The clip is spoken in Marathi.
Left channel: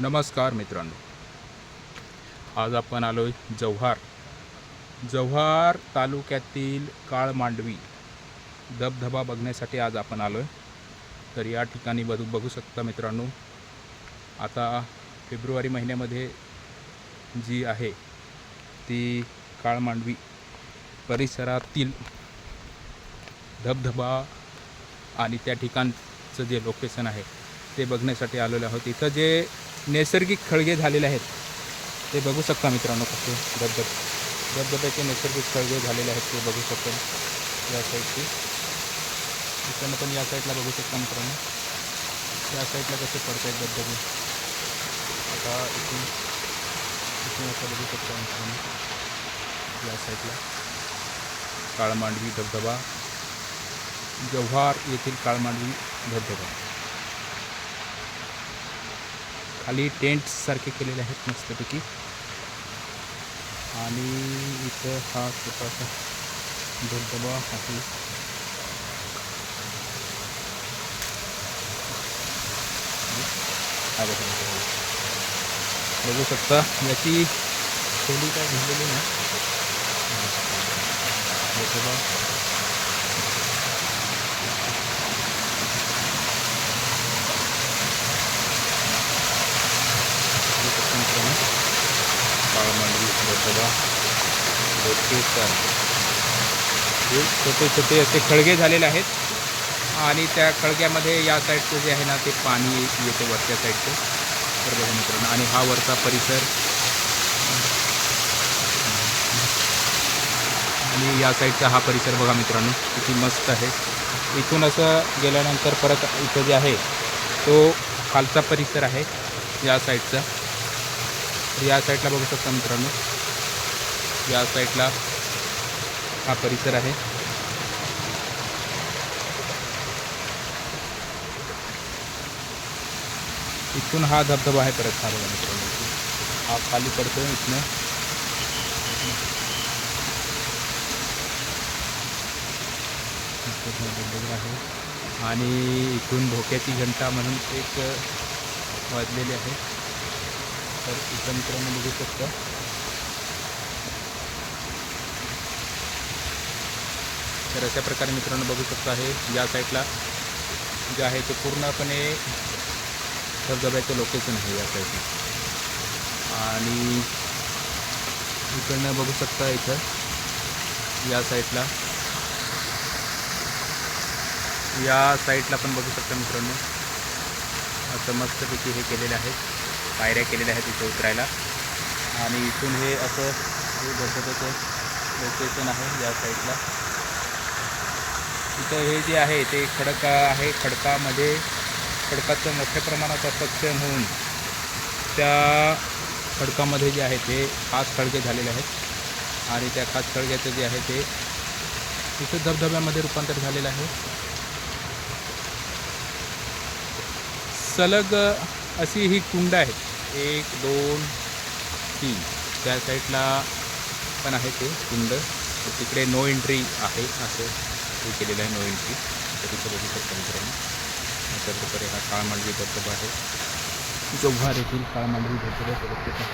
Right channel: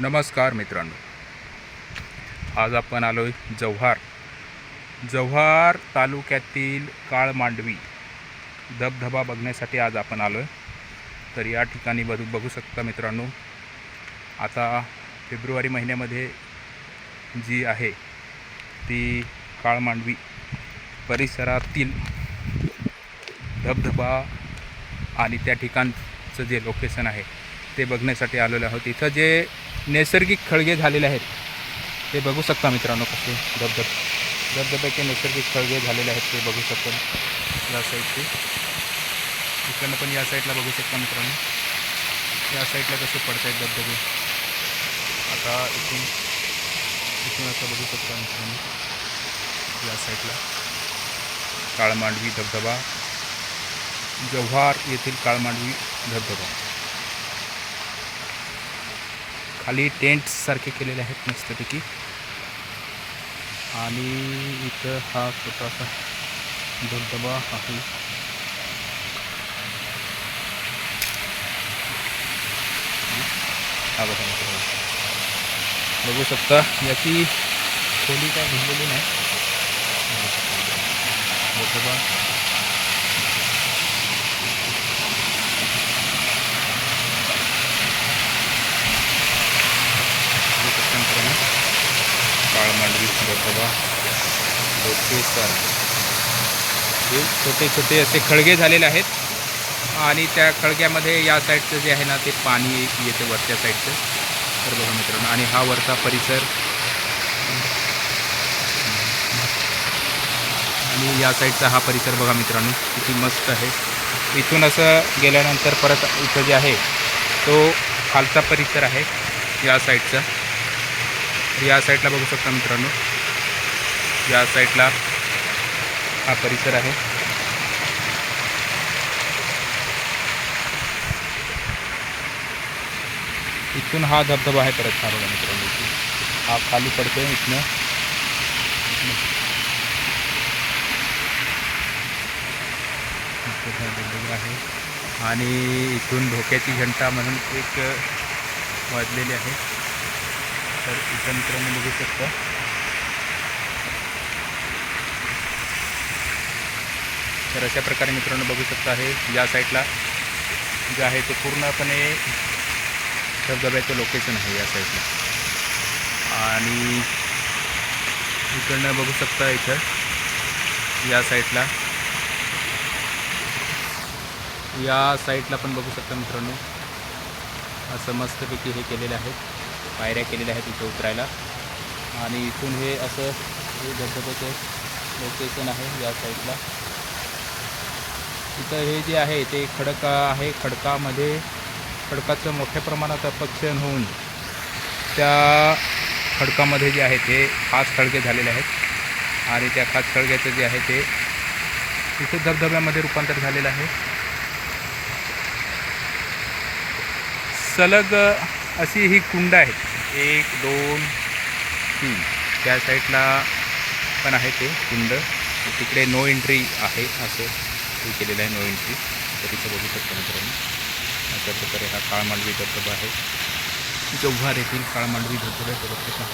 नमस्कार मित्रांनो, आज आपण आलोय जव्हार तालुक्यातील काळमांडवी धबधबा बघण्यासाठी आज आपण आलोय। तर या ठिकाणी बघू शकता मित्रांनो, आता फेब्रुवारी महिन्यामध्ये जी आहे ती काळमांडवी परिसरातील धबधबा आणि त्या ठिकाणचं जे लोकेशन आहे ते बघण्यासाठी आलेलो आहोत। इथं जे नैसर्गिक खळगे झालेले आहेत ते बघू शकता मित्रांनो, कसे धबधब्याचे नैसर्गिक खळगे झालेले आहेत ते बघू शकता। या साईडचे इकडनं पण या साईडला बघू शकता मित्रांनो, या साईडला कसे पडत आहेत धबधबे। आता इथून असं बघू शकता मित्रांनो, या साईडला काळमांडवी धबधबा, जव्हार येथील काळमांडवी धबधबा। खाली टेंट सारखे केलेले आहेत मस्तपैकी, आणि इथं हा छोटासा धबधबा आहे। हा बघू शकता, याची खोली काय घेतलेली नाही। धबधबा काळमांडवी धबधबा लोकेशन, हे छोटे छोटे असे खळगे झालेले आहेत, आणि त्या खळग्यामध्ये या साईडचं जे आहे ना ते पाणी येते वरच्या साईडचं। तर बघा मित्रांनो, आणि हा वरचा परिसर, आणि या साईडचा हा परिसर बघा मित्रांनो किती मस्त आहे। इथून असं गेल्यानंतर परत इथं जे आहे तो खालचा परिसर आहे या साईडचा। या साईडला बघू शकता मित्रांनो, या साईडला हा परिसर आहे। इथून हा धबधबा आहे परत, हा बघा मित्रांनो, हा खाली पडतो इथनं। धबधबा आहे, आणि इथून धोक्याची घंटा म्हणून एक वाजलेली आहे। तर इथं मित्रांनो बघू शकता, तर अशा प्रकारे मित्रांनो बघू शकता आहे या साईडला जे आहे ते पूर्णपणे धबधब्याचं लोकेशन आहे या साईडला। आणि इकडनं बघू शकता, इथं या साईडला पण बघू शकता मित्रांनो, असं मस्तपैकी हे केलेले आहेत, पायऱ्या केलेल्या आहेत इथं उतरायला। आणि इथून हे असं हे धबधब्याचं लोकेशन आहे या साईडला। इथं हे जे आहे ते खडक आहे, खडकाचं मोठ्या प्रमाणात अपक्षण होऊन त्या खडकामध्ये जे आहे ते खास खळगे झालेले आहेत, आणि त्या खास खळग्याचं जे आहे ते इथे धबधब्यामध्ये रूपांतर झालेलं आहे। सलग अशी ही कुंड आहेत, 1 2 3, त्या साईडला पण आहे ते कुंड। तिकडे नो एंट्री आहे, असं हे केलेलं आहे, नो एंट्री। तर तिथं बघू शकता मित्रांनो, अशा प्रकारे हा काळमांडवी धबधबा आहे, जव्हार येथील काळमांडवी धबधब्याचं लोकेशन